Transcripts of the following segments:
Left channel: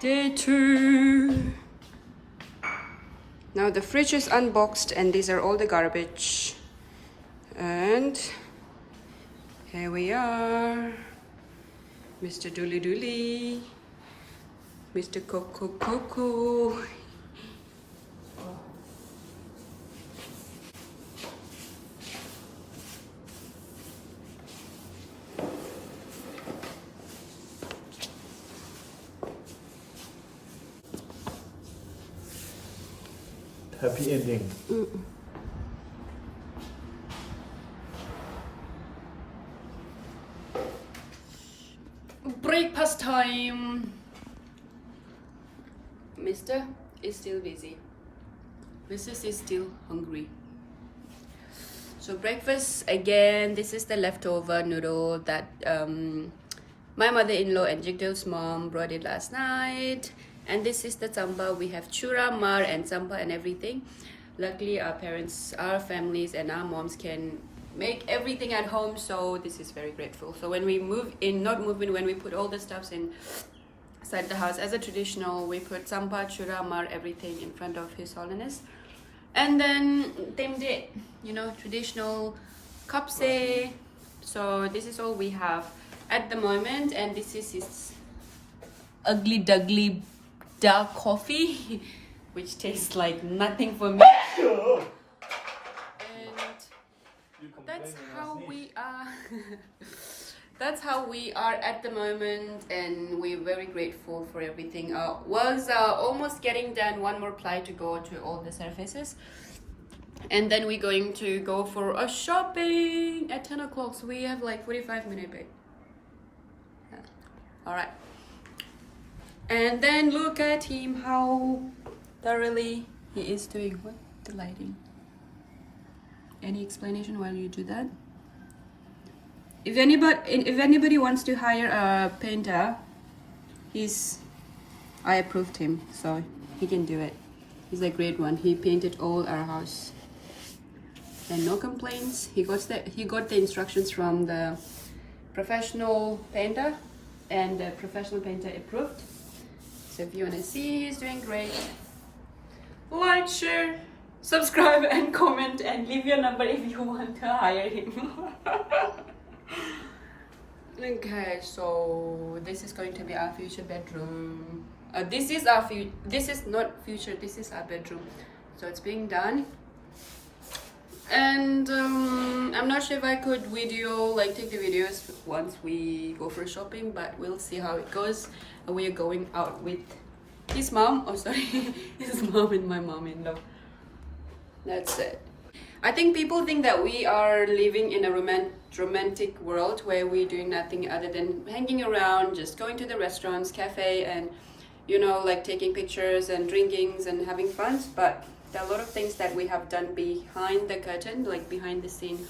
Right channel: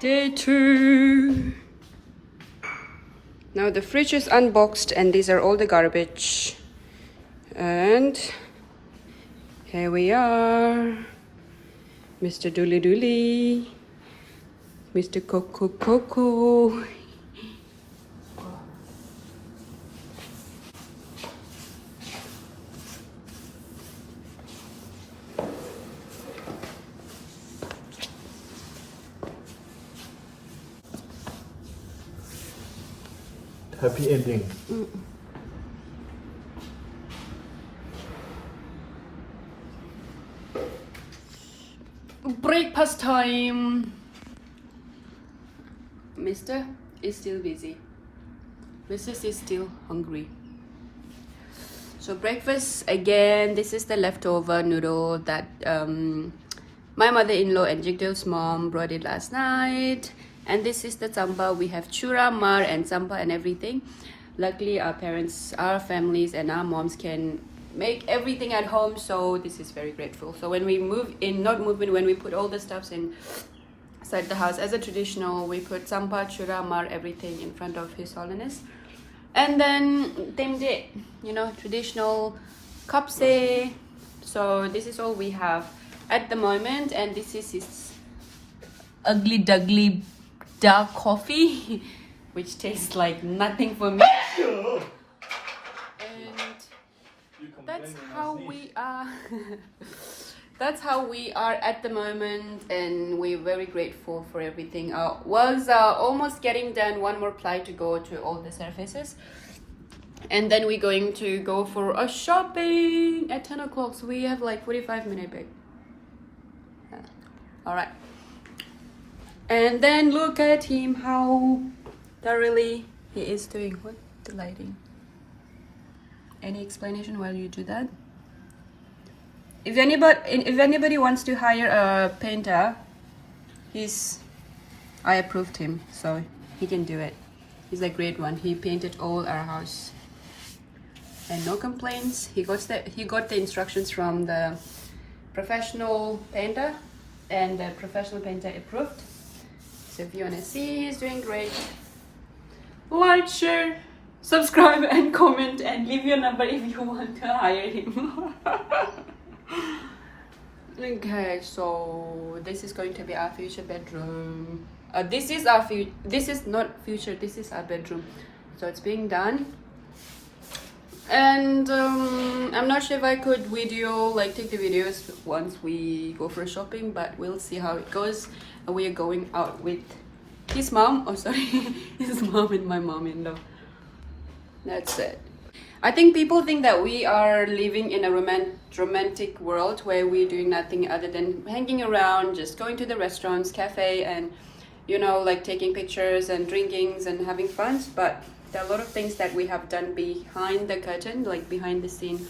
Day 2. Now the fridge is unboxed and these are all the garbage. And here we are. Mr. Dooley Dooley. Mr. Coco Coco. Happy ending. Breakfast time. Mr. is still busy. Mrs. is still hungry. So breakfast again. This is the leftover noodle that my mother-in-law and Jigdale's mom brought it last night. And this is the tsampa. We have chura, mar, and tsampa and everything. Luckily, our parents, our families, and our moms can make everything at home. So this is very grateful. So when we move in, not move in, when we put all the stuffs inside the house as a traditional, we put tsampa, chura, mar, everything in front of His Holiness. And then temde, you know, traditional kapse. So this is all we have at the moment. And this is his ugly duggly dark coffee, which tastes like nothing for me. And that's how we are. That's how we are at the moment, and we're very grateful for everything. Works are almost getting done. One more ply to go to all the surfaces, and then we're going to go for a shopping at 10 o'clock. So we have like 45 minutes, babe. Yeah. All right. And then look at him, how thoroughly he is doing. What the lighting? Any explanation why you do that? If anybody wants to hire a painter, I approved him, so he can do it. He's a great one. He painted all our house, and no complaints. He got the instructions from the professional painter, and the professional painter approved. So if you want to see, he's doing great. Like, share, subscribe, and comment, and leave your number if you want to hire him. Okay, so this is going to be our future bedroom. This is not future. This is our bedroom. So it's being done. And I'm not sure if I could take the videos once we go for shopping, but we'll see how it goes. And we are going out with his mom. Oh, sorry, his mom and my mom-in-law. That's it. I think people think that we are living in a romantic world where we're doing nothing other than hanging around, just going to the restaurants, cafe, and like taking pictures and drinkings and having fun. But there are a lot of things that we have done behind the curtain, like behind the scene.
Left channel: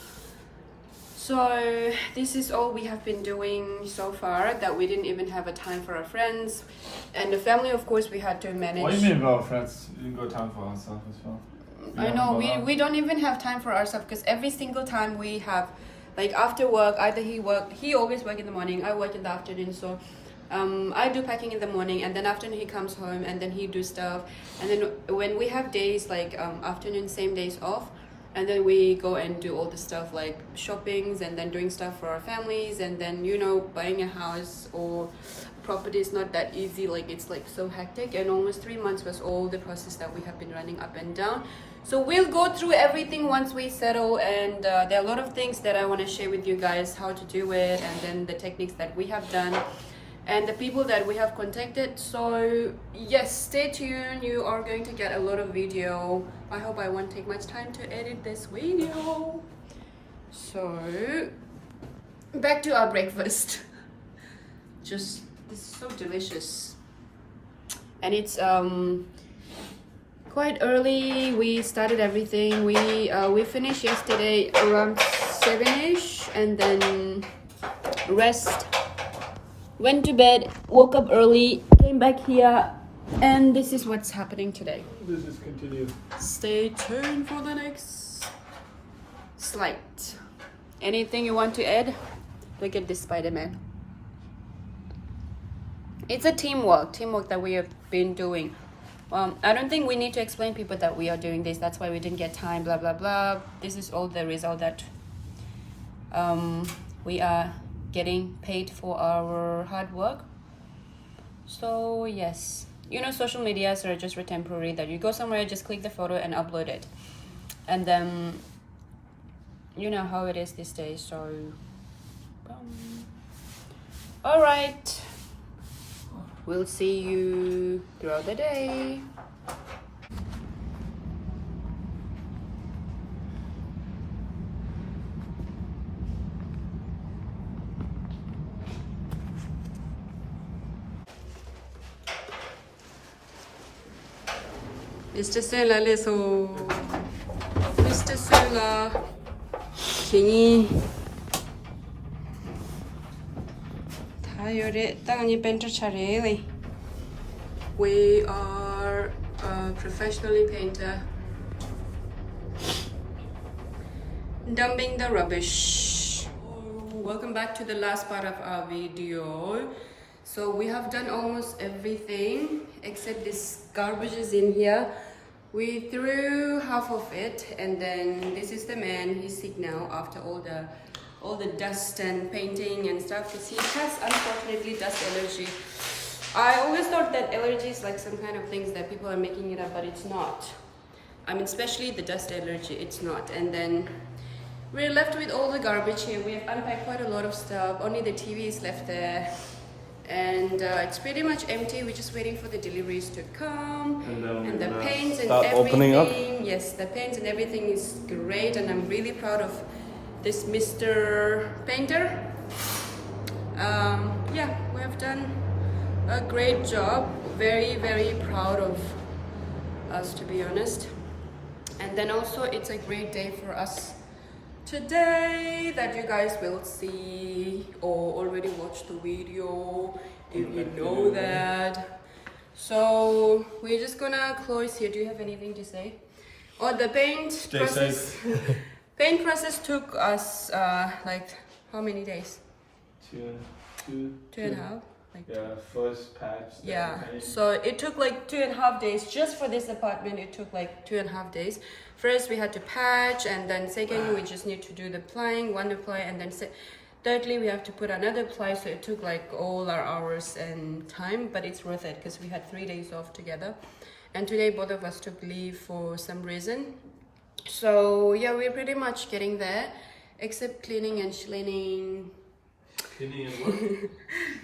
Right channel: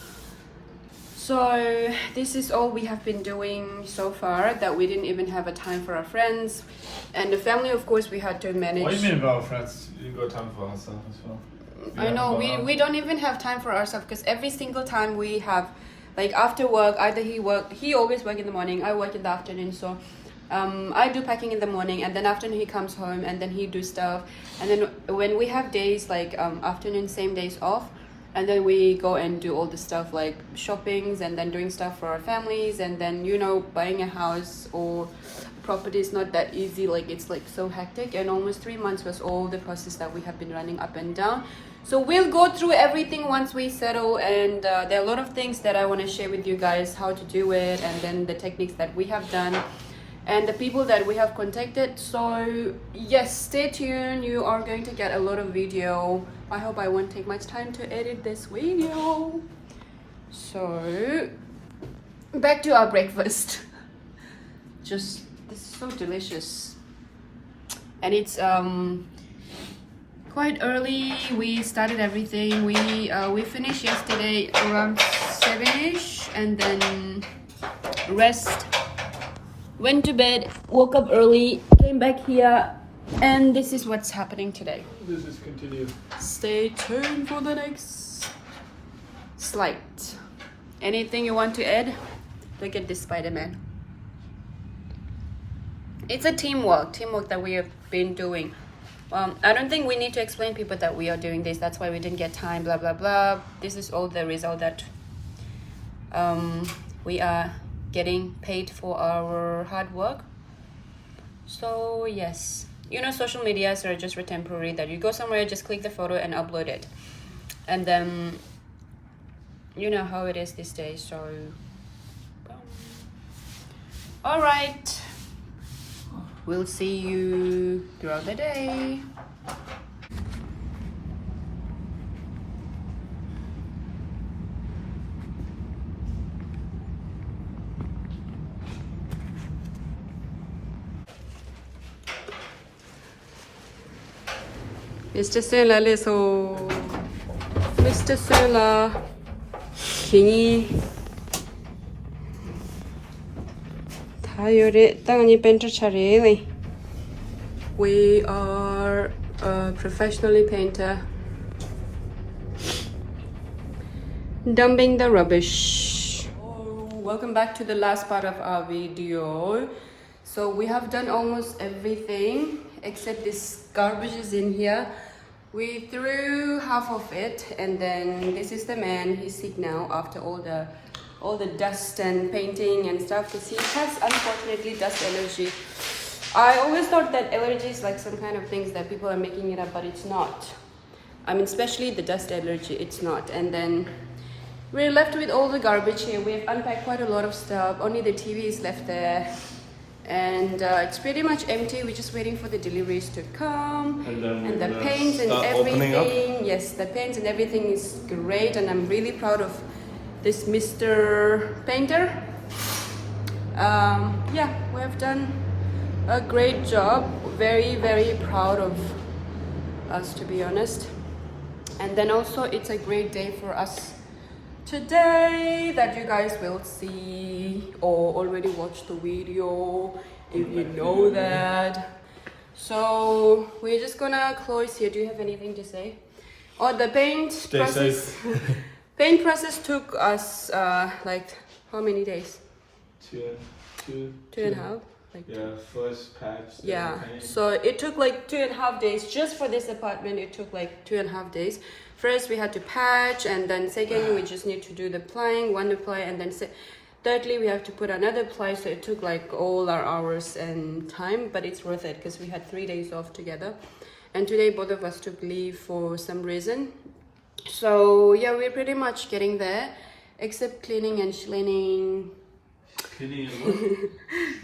So this is all we have been doing so far, that we didn't even have a time for our friends. And the family, of course, we had to manage. What do you mean about friends? You got time for ourselves as well. I know, we don't even have time for ourselves, because every single time we have, like after work, either he always work in the morning, I work in the afternoon. So I do packing in the morning, and then afternoon he comes home, and then he do stuff. And then when we have days like afternoon, same days off, and then we go and do all the stuff like shoppings, and then doing stuff for our families, and then buying a house or property is not that easy. Like it's like so hectic, and almost 3 months was all the process that we have been running up and down. So we'll go through everything once we settle, and there are a lot of things that I want to share with you guys, how to do it, and then the techniques that we have done, and the people that we have contacted. So yes, stay tuned. You are going to get a lot of video. I hope I won't take much time to edit this video. So back to our breakfast. This is so delicious, and it's quite early. We started everything. We finished yesterday around 7ish, and then rest, went to bed, woke up early, came back here, and this is what's happening today. This is continued. Stay tuned for the next slide. Anything you want to add? Look at this Spider-Man. it's a teamwork that we have been doing. I don't think we need to explain people that we are doing this. That's why we didn't get time, blah, blah, blah. This is all the result that we are getting paid for our hard work. So yes, you know, social medias are just for temporary, that you go somewhere, just click the photo and upload it. And then, you know how it is these days, so... all right. We'll see you throughout the day. Mr. Sela, leso. Mr. Sela. Kingi. We are a professionally painter dumping the rubbish. Welcome back to the last part of our video. So we have done almost everything except this garbage is in here. We threw half of it, and then this is the man. He's sick now after all the dust and painting and stuff, because he has unfortunately dust allergy. I always thought that allergy is like some kind of things that people are making it up, but it's not. I mean, especially the dust allergy, it's not. And then we're left with all the garbage here. We've unpacked quite a lot of stuff. Only the TV is left there. And it's pretty much empty. We're just waiting for the deliveries to come. And the paint and everything. Yes, the paint and everything is great. And I'm really proud of this Mr. Painter. Yeah, we have done a great job. Very, very proud of us, to be honest. And then also it's a great day for us today, that you guys will see or already watched the video if you know that. So we're just gonna close here. Do you have anything to say? Oh, the paint process. Paint process took us like how many days? Two and a half. Like yeah, first patch. Yeah, so it took like 2.5 days just for this apartment. It took like 2.5 days. First we had to patch, and then second we just need to do the plying, one ply, and then thirdly we have to put another ply. So it took like all our hours and time, but it's worth it because we had 3 days off together, and today both of us took leave for some reason. So yeah, we're pretty much getting there, except cleaning and cleaning.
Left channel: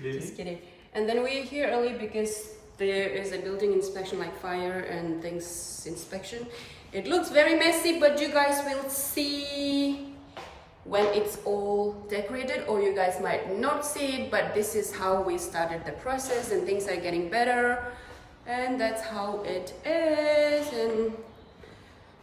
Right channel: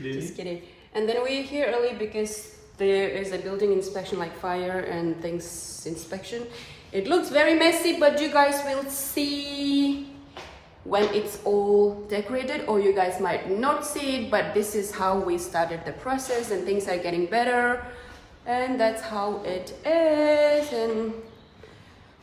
Just kidding. And then we're here early because there is a building inspection, like fire and things inspection. It looks very messy, but you guys will see when it's all decorated, or you guys might not see it, but this is how we started the process, and things are getting better, and that's how it is. And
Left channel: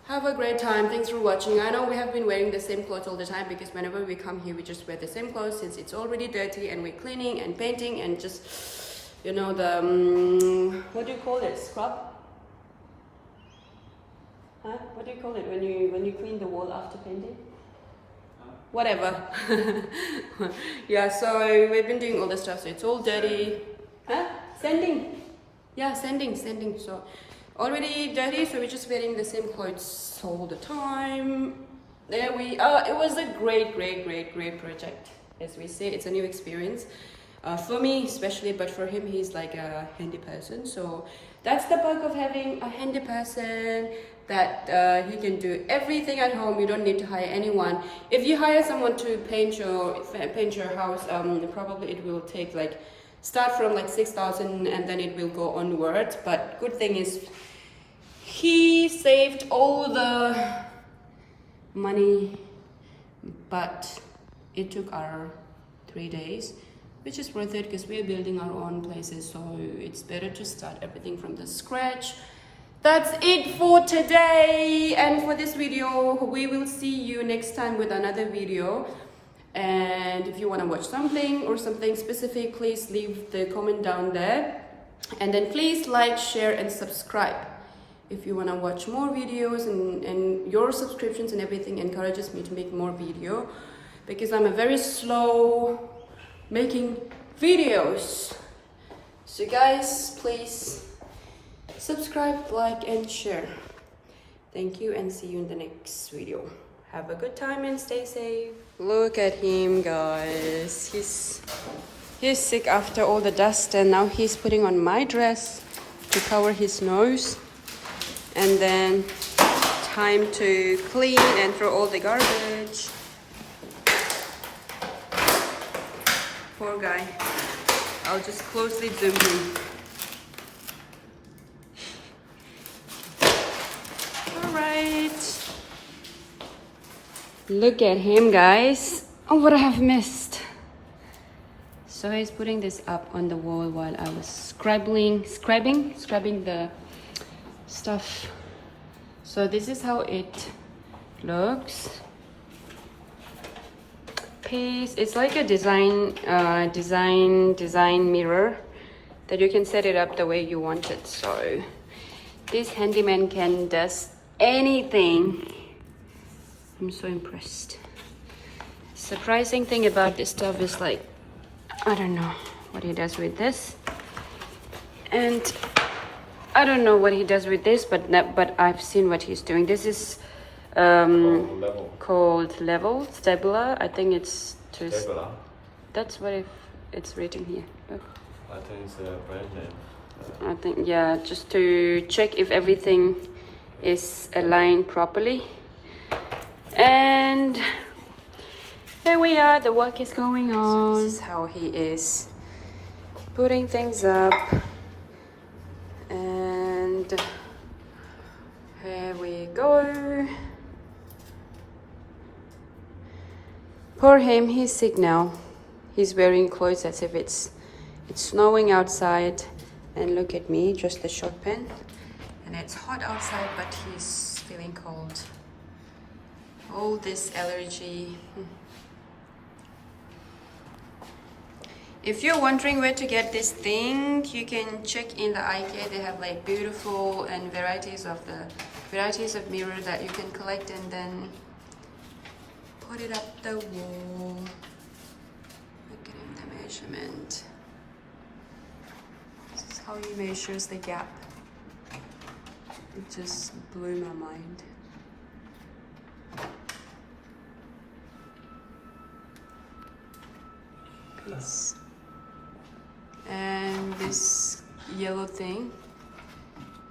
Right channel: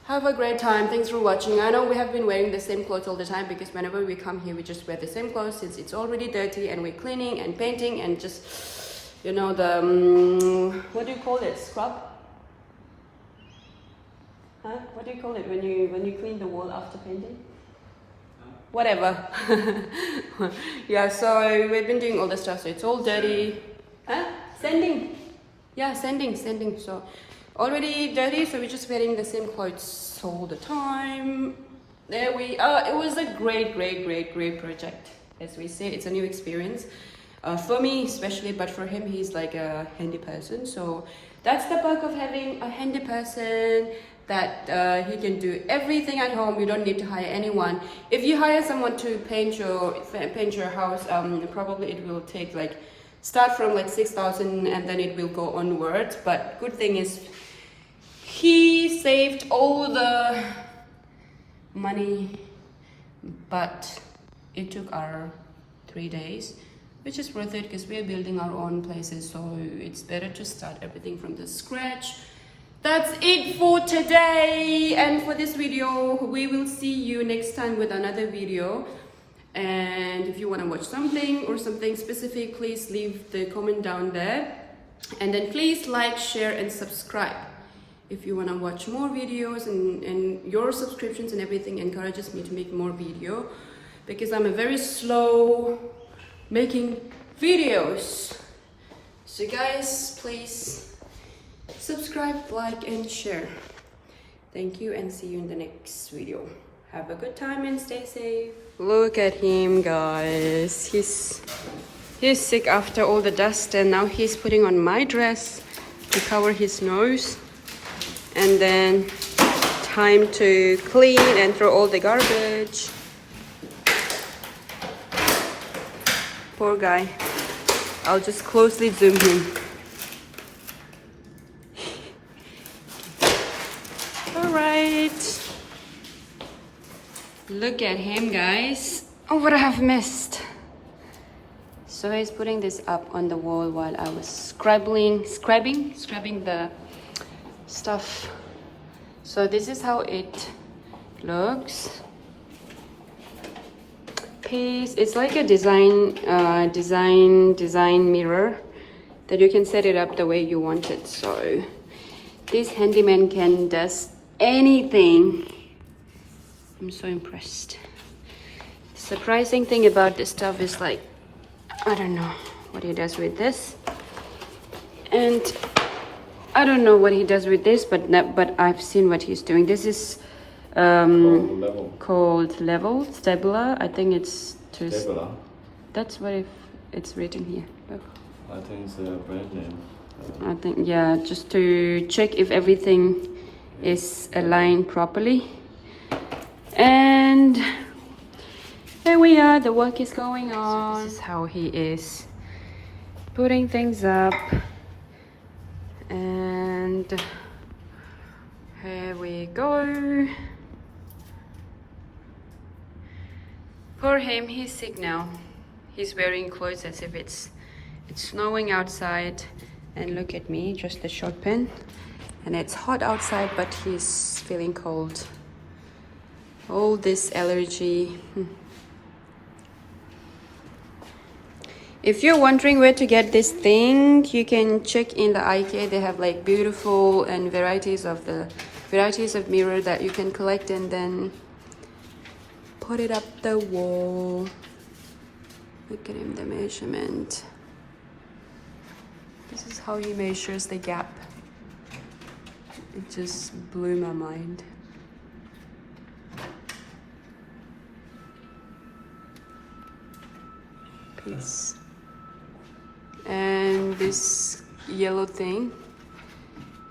have a great time. Thanks for watching. I know we have been wearing the same clothes all the time, because whenever we come here we just wear the same clothes, since it's already dirty, and we're cleaning and painting and just, you know, the what do you call it, scrub? Huh? What do you call it when you clean the wall after painting? Whatever. Yeah, so we've been doing all the stuff, so it's all dirty. Huh? Sanding. Yeah, sanding. So already dirty, so we're just wearing the same clothes all the time. There we are. It was a great project. As we say, it's a new experience for me especially, but for him, he's like a handy person. So that's the perk of having a handy person, that he can do everything at home. You don't need to hire anyone. If you hire someone to paint your house, probably it will take like start from like 6,000 and then it will go onwards. But good thing is he saved all the money, but it took our 3 days, which is worth it because we're building our own places, so it's better to start everything from the scratch. That's it for today and for this video. We will see you next time with another video. And if you want to watch something or something specific, please leave the comment down there. And then please like, share and subscribe. If you want to watch more videos, and your subscriptions and everything encourages me to make more video, because I'm a very slow making videos. So guys, please subscribe, like, and share. Thank you, and see you in the next video. Have a good time and stay safe. Look at him, guys. He's sick after all the dust, and now he's putting on my dress to cover his nose. And then time to clean and throw all the garbage. Poor guy. I'll just closely zoom him. Alright. Look at him, guys. Oh, what I have missed. So he's putting this up on the wall while I was scrubbing the stuff. So this is how it looks. Piece. It's like a design mirror that you can set it up the way you want it. So this handyman can does anything. I'm so impressed. Surprising thing about this stuff is like, I don't know what he does with this, and I don't know what he does with this, but I've seen what he's doing. This is called Stabila. I think it's just Stabila. That's what it's written here. I think it's a brand name. I think, yeah, just to check if everything is aligned properly. And there we are, the work is going on. So this is how he is putting things up. And here we go. Poor him, he's sick now. He's wearing clothes as if it's snowing outside. And look at me, just a short pen. And it's hot outside, but he's feeling cold. All this allergy. If you're wondering where to get this thing, you can check in the IKEA. They have like beautiful and varieties of mirror that you can collect and then put it up the wall. Look at him, the measurement. This is how he measures the gap. It just blew my mind. Peace. And this yellow thing,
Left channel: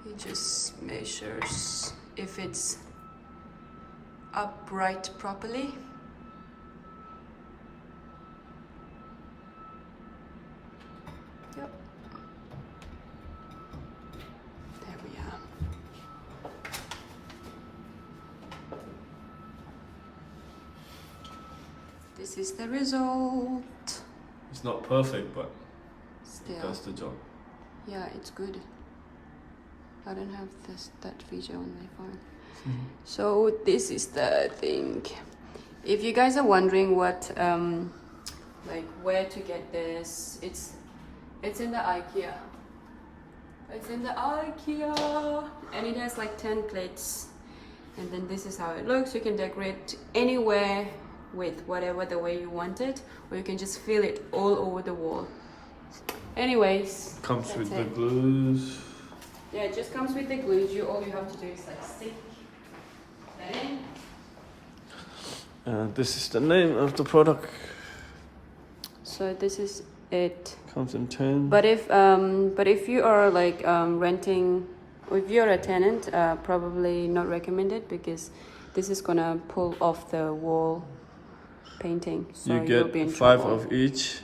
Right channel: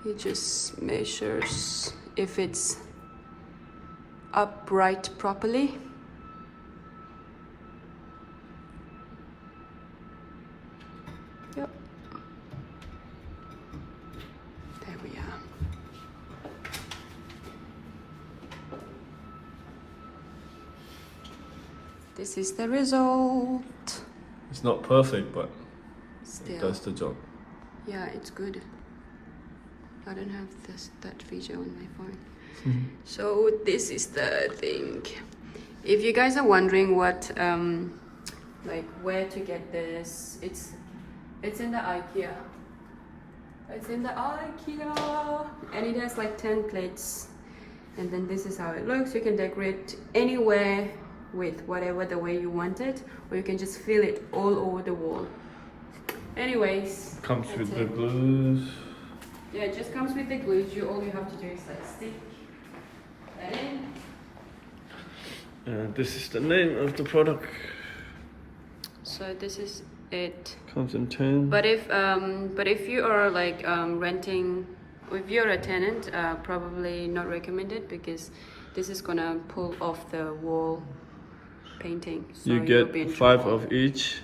it just measures if it's upright properly. Yep. There we are. This is the result. It's not perfect, but still, it does the job. Yeah, it's good. I don't have that feature on my phone. So this is the thing. If you guys are wondering what like where to get this, it's in the IKEA. It's in the IKEA, and it has like 10 plates. And then this is how it looks. You can decorate anywhere with whatever the way you want it, or you can just fill it all over the wall. Anyways, comes with the glues. Yeah, it just comes with the glues. All you have to do is like stick that in. This is the name of the product. So this is it. Comes in 10. But if you are like renting, if you're a tenant, probably not recommended, because this is gonna pull off the wall painting. So you get 5 of each.